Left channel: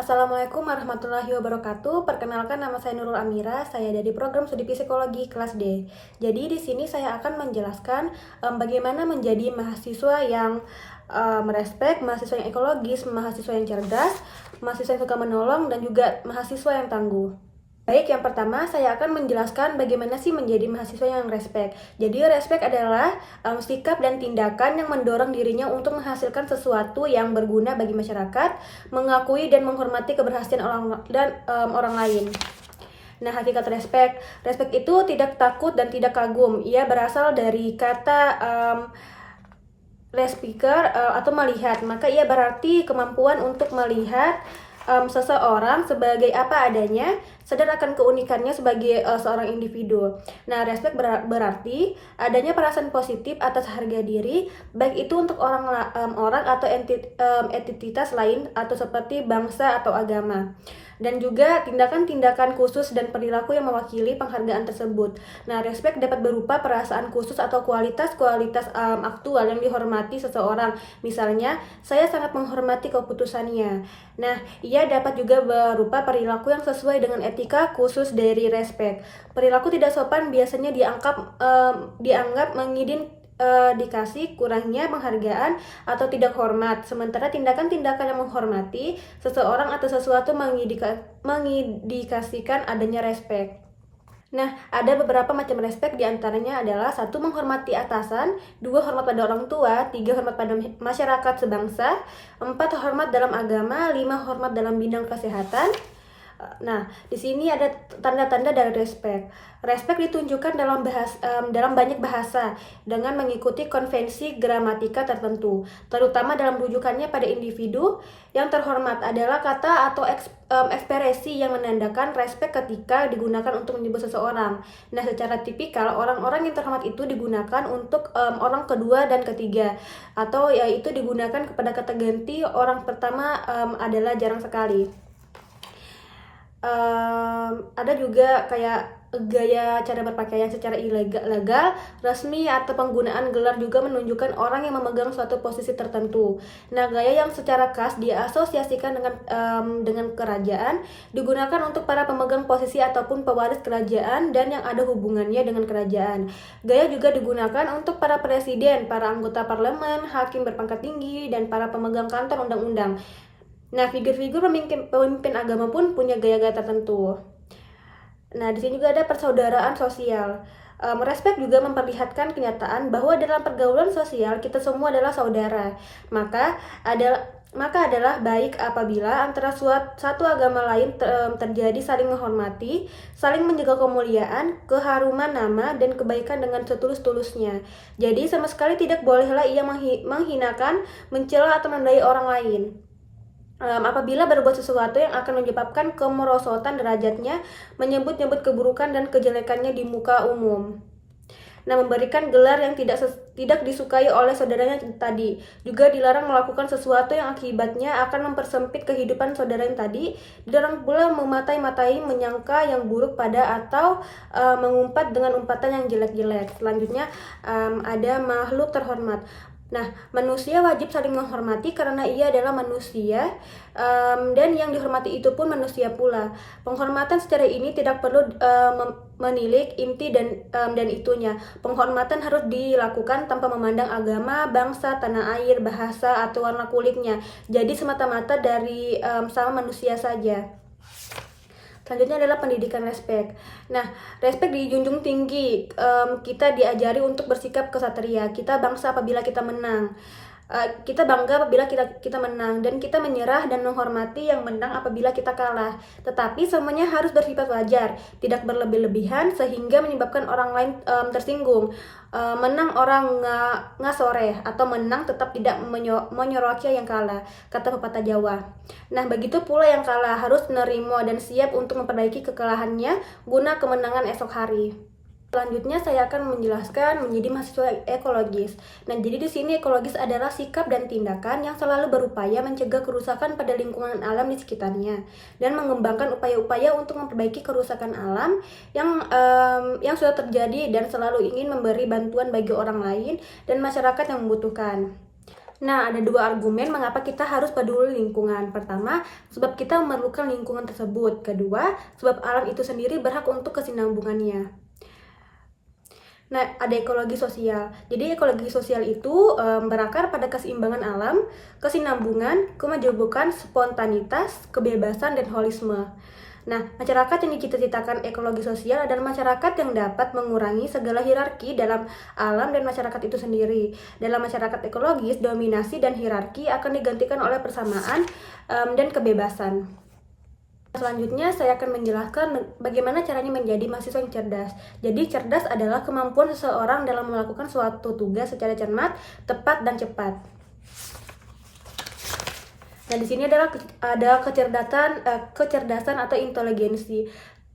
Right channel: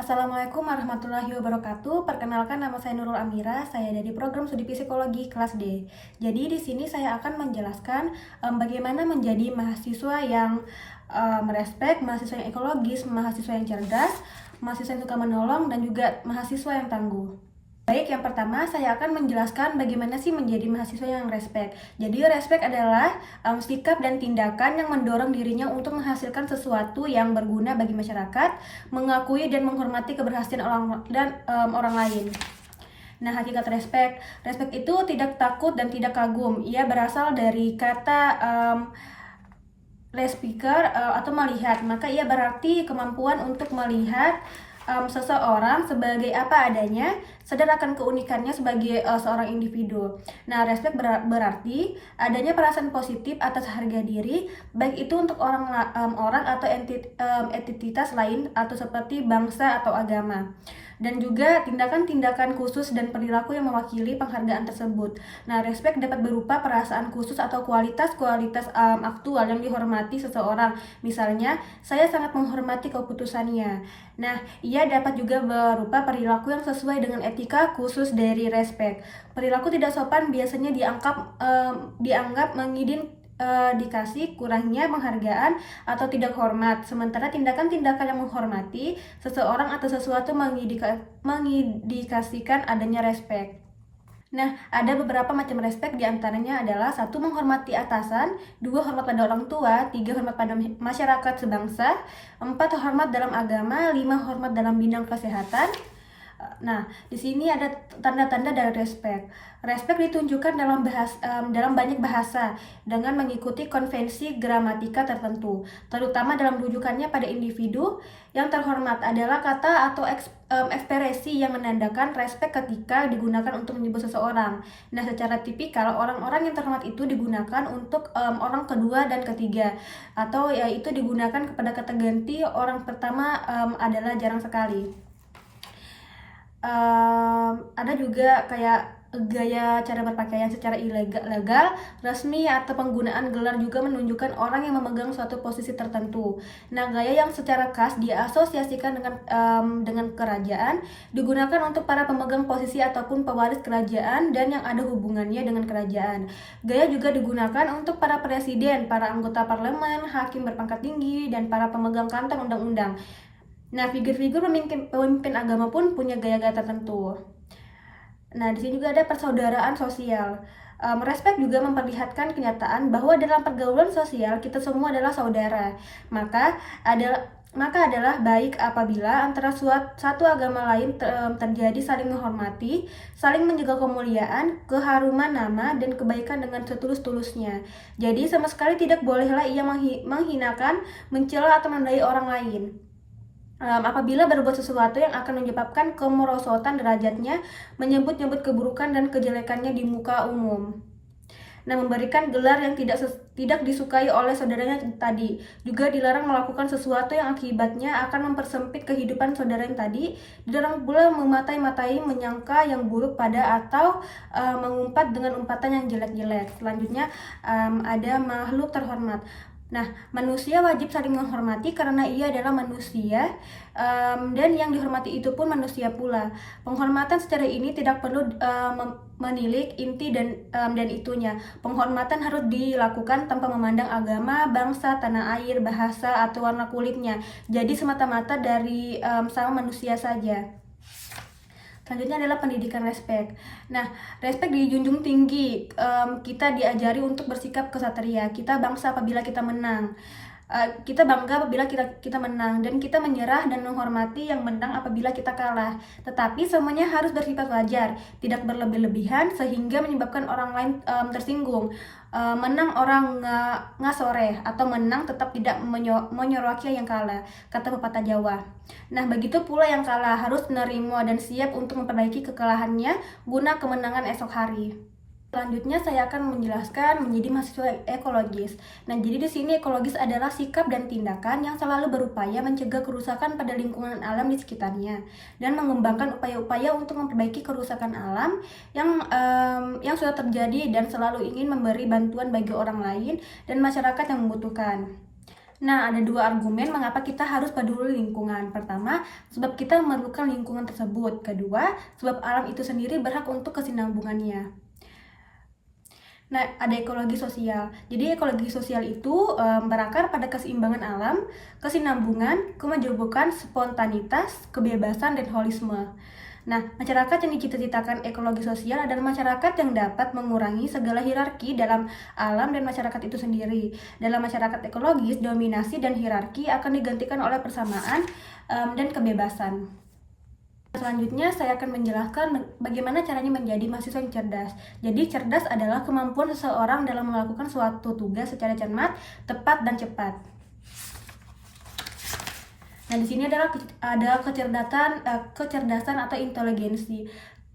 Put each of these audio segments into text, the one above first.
Assalamualaikum warahmatullahi wabarakatuh. Perkenalkan, nama saya Nurul Amira. Saya dari program studi psikologi kelas D. Jadi di sini saya akan menjelaskan bagaimana menjadi mahasiswa yang merespek, mahasiswa yang ekologis, mahasiswa yang cerdas, mahasiswa yang suka menolong, dan juga mahasiswa yang tangguh. Baik, yang pertama saya akan menjelaskan bagaimana sih menjadi mahasiswa yang respek. Jadi respek adalah sikap dan tindakan yang mendorong dirinya untuk menghasilkan sesuatu yang berguna bagi masyarakat, mengakui dan menghormati keberhasilan orang lain. Nah, hakikat respek. Respek itu tidak takut dan tidak kagum. Ia berasal dari kata respiker atau melihat. Maka ia berarti kemampuan untuk melihat seseorang sebagai apa adanya, sadar akan keunikannya sebagai seorang individu. Nah, respect berarti adanya perasaan positif atas harga diri, baik itu untuk orang atau entitas lain atau seperti bangsa atau agama. Dan juga tindakan-tindakan khusus dan perilaku yang mewakili penghargaan tersebut. Nah, respect dapat berupa perasaan khusus atau kualitas-kualitas aktual yang dihormati seseorang. Misalnya, saya sangat menghormati keputusannya. Nah, ia dapat juga berupa perilaku yang sesuai dengan etika khusus dari respect. Perilaku tidak sopan biasanya dianggap dikasih kurangnya penghargaan atau tidak hormat. Sementara tindakan-tindakan yang menghormati seseorang atau sesuatu mengindikasikan adanya respect. Nah, ada beberapa macam respect, diantaranya adalah 1. Menghormati atasan, 2. Hormat pada orang tua, 3. Hormat pada masyarakat sebangsa, 4. Hormat dalam agama, 5. Hormat dalam bidang kesehatan. Nah, di sini ada tanda-tanda dari respect. Respect ditunjukkan dalam banyak bahasa dengan mengikuti konvensi gramatika tertentu, terutama dalam rujukannya pada individu. Yang terhormat adalah kata atau ekspresi yang menandakan respect ketika digunakan untuk menyebut seseorang. Nah, secara tipikal orang-orang yang terhormat itu digunakan untuk orang kedua dan ketiga, atau yaitu digunakan kepada kata ganti orang pertama adalah jarang sekali. Ada juga kayak gaya cara berpakaian secara ilegal, resmi, atau penggunaan gelar juga menunjukkan orang yang memegang suatu posisi tertentu. Nah, gaya yang secara khas diasosiasikan dengan kerajaan, digunakan untuk para pemegang posisi ataupun pewaris kerajaan dan yang ada hubungannya dengan kerajaan. Gaya juga digunakan untuk para presiden, para anggota parlemen, hakim berpangkat tinggi, dan para pemegang kantor undang-undang. Nah, figur-figur pemimpin agama pun punya gaya-gaya tertentu. Nah, di sini juga ada persaudaraan sosial. Respect juga memperlihatkan kenyataan bahwa dalam pergaulan sosial kita semua adalah saudara. Maka adalah baik apabila antara satu agama lain terjadi saling menghormati, saling menjaga kemuliaan, keharuman nama, dan kebaikan dengan setulus-tulusnya. Jadi sama sekali tidak bolehlah ia menghinakan, mencela, atau menodai orang lain. Apabila berbuat sesuatu yang akan menyebabkan kemerosotan derajatnya, menyebut-nyebut keburukan dan kejelekannya di muka umum. Nah, memberikan gelar yang tidak disukai oleh saudaranya tadi. Juga dilarang melakukan sesuatu yang akibatnya akan mempersempit kehidupan saudara yang tadi. Dilarang pula mematai-matai, menyangka yang buruk pada, atau mengumpat dengan umpatan yang jelek-jelek. Selanjutnya ada makhluk terhormat. Nah, manusia wajib saling menghormati karena ia adalah manusia, dan yang dihormati itu pun manusia pula. Penghormatan secara ini tidak perlu menilik inti dan itunya. Penghormatan harus dilakukan tanpa memandang agama, bangsa, tanah air, bahasa, atau warna kulitnya. Jadi semata-mata dari sama manusia saja. Selanjutnya adalah pendidikan respect. Nah, respect dijunjung tinggi. Kita diajari untuk bersikap kesatria. Kita bangsa apabila kita menang. Kita bangga apabila kita menang, dan kita menyerah dan menghormati yang menang apabila kita kalah. Tetapi semuanya harus bersifat wajar, tidak berlebih-lebihan sehingga menyebabkan orang lain tersinggung. Menang orang ngasoreh, atau menang tetap tidak menyoroki yang kalah, kata pepatah Jawa. Nah, begitu pula yang kalah harus menerima dan siap untuk memperbaiki kekalahannya guna kemenangan esok hari. Selanjutnya saya akan menjelaskan menjadi mahasiswa ekologis. Nah, jadi di sini ekologis adalah sikap dan tindakan yang selalu berupaya mencegah kerusakan pada lingkungan alam di sekitarnya dan mengembangkan upaya-upaya untuk memperbaiki kerusakan alam yang sudah terjadi, dan selalu ingin memberi bantuan bagi orang lain dan masyarakat yang membutuhkan. Nah, ada dua argumen mengapa kita harus peduli lingkungan. Pertama, sebab kita memerlukan lingkungan tersebut. Kedua, sebab alam itu sendiri berhak untuk kesinambungannya. Nah, ada ekologi sosial. Jadi ekologi sosial itu berakar pada keseimbangan alam, kesinambungan, kemajemukan, spontanitas, kebebasan, dan holisme. Nah, masyarakat yang dicita-citakan ekologi sosial adalah masyarakat yang dapat mengurangi segala hierarki dalam alam dan masyarakat itu sendiri. Dalam masyarakat ekologis, dominasi dan hierarki akan digantikan oleh persamaan dan kebebasan. Selanjutnya saya akan menjelaskan bagaimana caranya menjadi mahasiswa yang cerdas. Jadi cerdas adalah kemampuan seseorang dalam melakukan suatu tugas secara cermat, tepat, dan cepat. Nah, di sini ada kecerdasan atau inteligensi.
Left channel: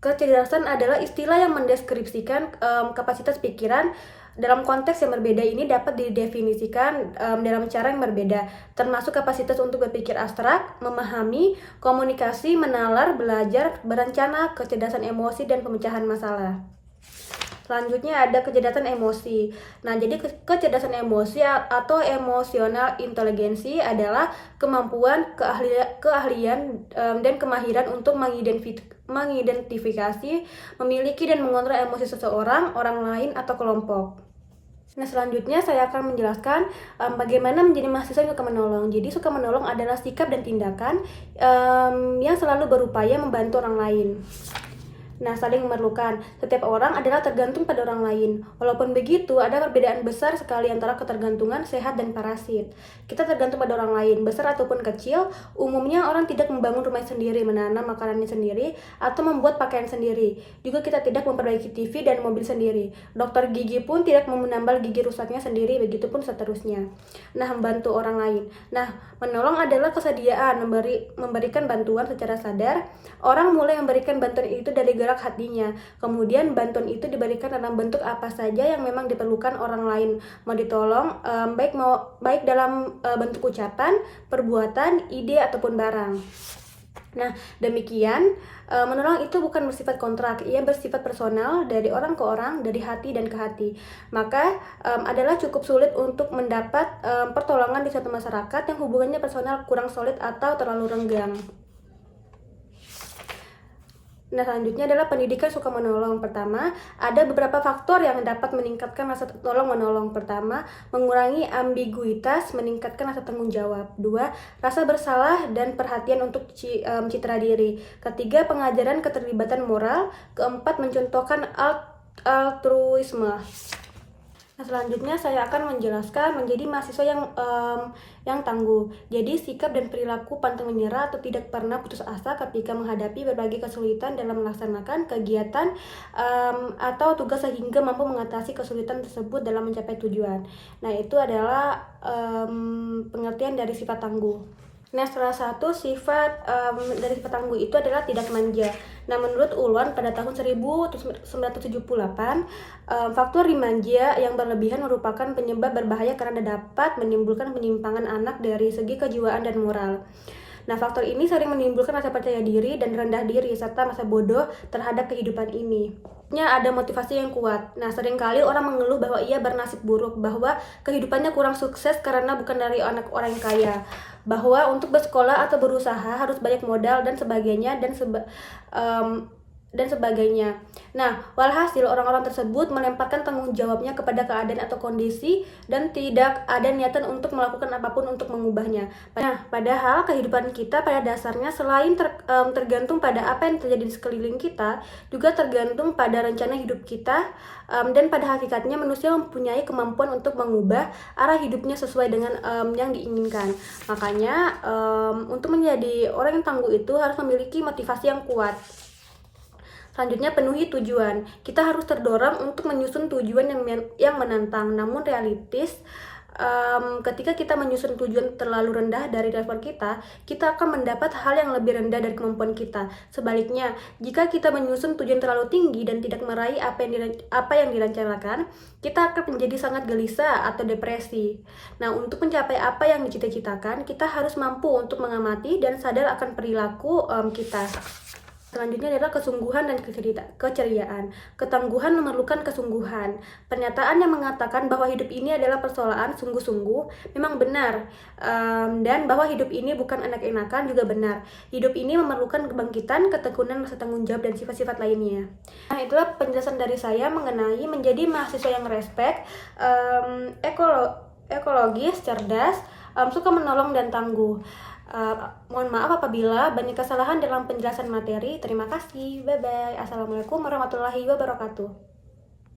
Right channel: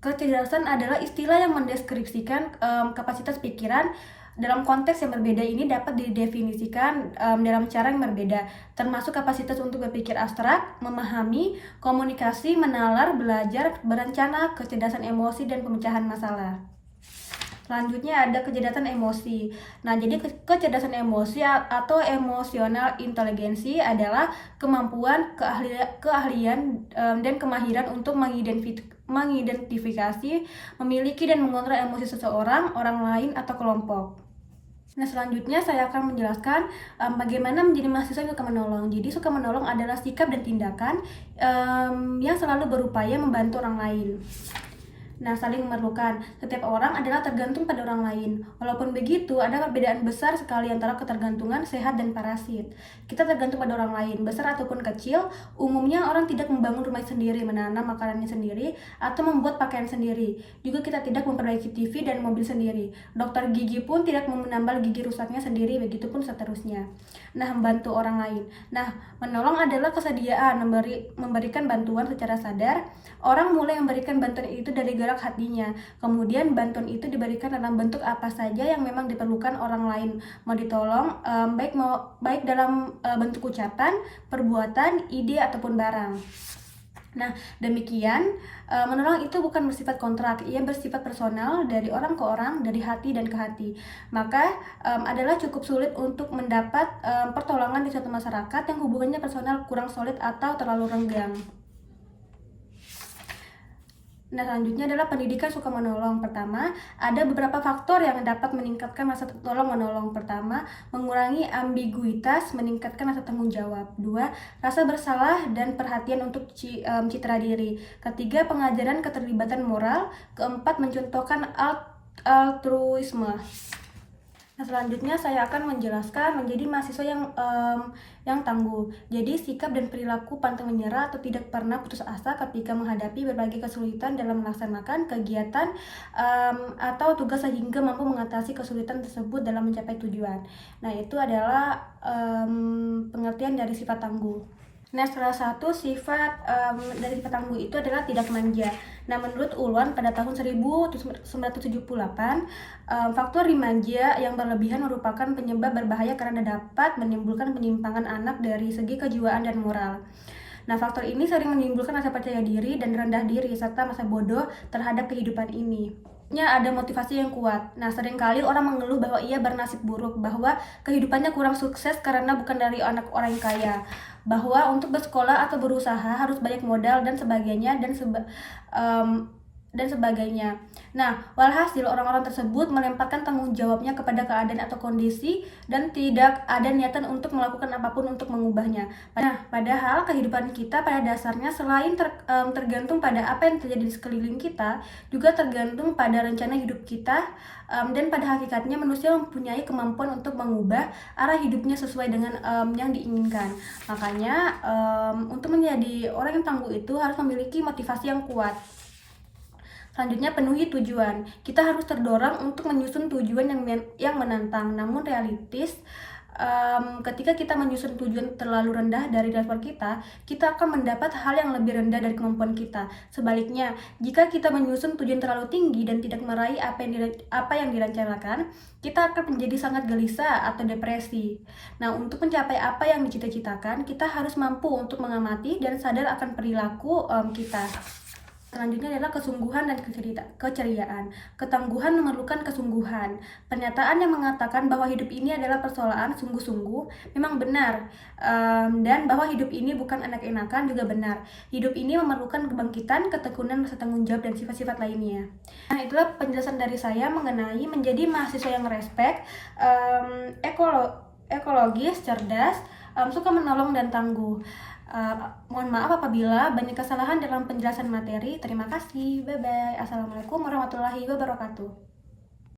Kecerdasan adalah istilah yang mendeskripsikan kapasitas pikiran. Dalam konteks yang berbeda ini dapat didefinisikan dalam cara yang berbeda, termasuk kapasitas untuk berpikir abstrak, memahami, komunikasi, menalar, belajar, berencana, kecerdasan emosi, dan pemecahan masalah. Selanjutnya ada kecerdasan emosi. Nah, jadi kecerdasan emosi atau emosional inteligensi adalah kemampuan, keahlian, dan kemahiran untuk mengidentifikasi, memiliki, dan mengontrol emosi seseorang, orang lain, atau kelompok. Nah, selanjutnya saya akan menjelaskan bagaimana menjadi mahasiswa yang suka menolong. Jadi suka menolong adalah sikap dan tindakan yang selalu berupaya membantu orang lain. Nah, saling memerlukan. Setiap orang adalah tergantung pada orang lain. Walaupun begitu, ada perbedaan besar sekali antara ketergantungan sehat dan parasit. Kita tergantung pada orang lain, besar ataupun kecil. Umumnya orang tidak membangun rumah sendiri, menanam makanannya sendiri, atau membuat pakaian sendiri. Juga kita tidak memperbaiki TV dan mobil sendiri. Dokter gigi pun tidak menambal gigi rusaknya sendiri, begitupun seterusnya. Nah, membantu orang lain. Nah, menolong adalah kesediaan memberikan bantuan secara sadar. Orang mulai memberikan bantuan itu dari gerak hatinya. Kemudian bantuan itu diberikan dalam bentuk apa saja yang memang diperlukan orang lain. Mau ditolong baik dalam bentuk ucapan, perbuatan, ide ataupun barang. Nah, demikian menolong itu bukan bersifat kontrak, ia bersifat personal dari orang ke orang, dari hati dan ke hati. Maka adalah cukup sulit untuk mendapat pertolongan di suatu masyarakat yang hubungannya personal kurang solid atau terlalu renggang. Nah, selanjutnya adalah pendidikan suka menolong. Pertama, ada beberapa faktor yang dapat meningkatkan rasa tolong-menolong. Pertama, mengurangi ambiguitas, meningkatkan rasa tanggung jawab. Dua, rasa bersalah dan perhatian untuk citra diri. Ketiga, pengajaran keterlibatan moral. Keempat, mencontohkan altruisme. Nah, selanjutnya saya akan menjelaskan menjadi mahasiswa yang tangguh. Jadi sikap dan perilaku pantang menyerah atau tidak pernah putus asa ketika menghadapi berbagai kesulitan dalam melaksanakan kegiatan atau tugas sehingga mampu mengatasi kesulitan tersebut dalam mencapai tujuan. Nah, itu adalah pengertian dari sifat tangguh. Nah, salah satu sifat dari sifat tangguh itu adalah tidak manja. Nah, menurut Ulwan pada tahun 1978, faktor dimanja yang berlebihan merupakan penyebab berbahaya karena dapat menimbulkan penyimpangan anak dari segi kejiwaan dan moral. Nah, faktor ini sering menimbulkan rasa percaya diri dan rendah diri serta masa bodoh terhadap kehidupan ini. Ada motivasi yang kuat. Nah, seringkali orang mengeluh bahwa ia bernasib buruk, bahwa kehidupannya kurang sukses karena bukan dari anak orang kaya, bahwa untuk bersekolah atau berusaha harus banyak modal dan sebagainya dan sebagainya. Nah, walhasil orang-orang tersebut melemparkan tanggung jawabnya kepada keadaan atau kondisi dan tidak ada niatan untuk melakukan apapun untuk mengubahnya. Nah, padahal kehidupan kita pada dasarnya selain tergantung pada apa yang terjadi di sekeliling kita, juga tergantung pada rencana hidup kita, dan pada hakikatnya manusia mempunyai kemampuan untuk mengubah arah hidupnya sesuai dengan yang diinginkan. Makanya untuk menjadi orang yang tangguh itu harus memiliki motivasi yang kuat. Selanjutnya, penuhi tujuan. Kita harus terdorong untuk menyusun tujuan yang menantang, namun realistis. Ketika kita menyusun tujuan terlalu rendah dari level kita akan mendapat hal yang lebih rendah dari kemampuan kita. Sebaliknya, jika kita menyusun tujuan terlalu tinggi dan tidak meraih apa yang direncanakan, kita akan menjadi sangat gelisah atau depresi. Nah, untuk mencapai apa yang dicita-citakan, kita harus mampu untuk mengamati dan sadar akan perilaku kita. Selanjutnya adalah kesungguhan dan keceriaan. Ketangguhan memerlukan kesungguhan. Pernyataan yang mengatakan bahwa hidup ini adalah persoalan sungguh-sungguh memang benar. Dan bahwa hidup ini bukan enak-enakan juga benar. Hidup ini memerlukan kebangkitan, ketekunan, rasa tanggung jawab, dan sifat-sifat lainnya. Nah, itulah penjelasan dari saya mengenai menjadi mahasiswa yang respect, ekologis, cerdas, suka menolong, dan tangguh. Mohon maaf apabila banyak kesalahan dalam penjelasan materi. Terima kasih. Bye bye. Assalamualaikum warahmatullahi wabarakatuh.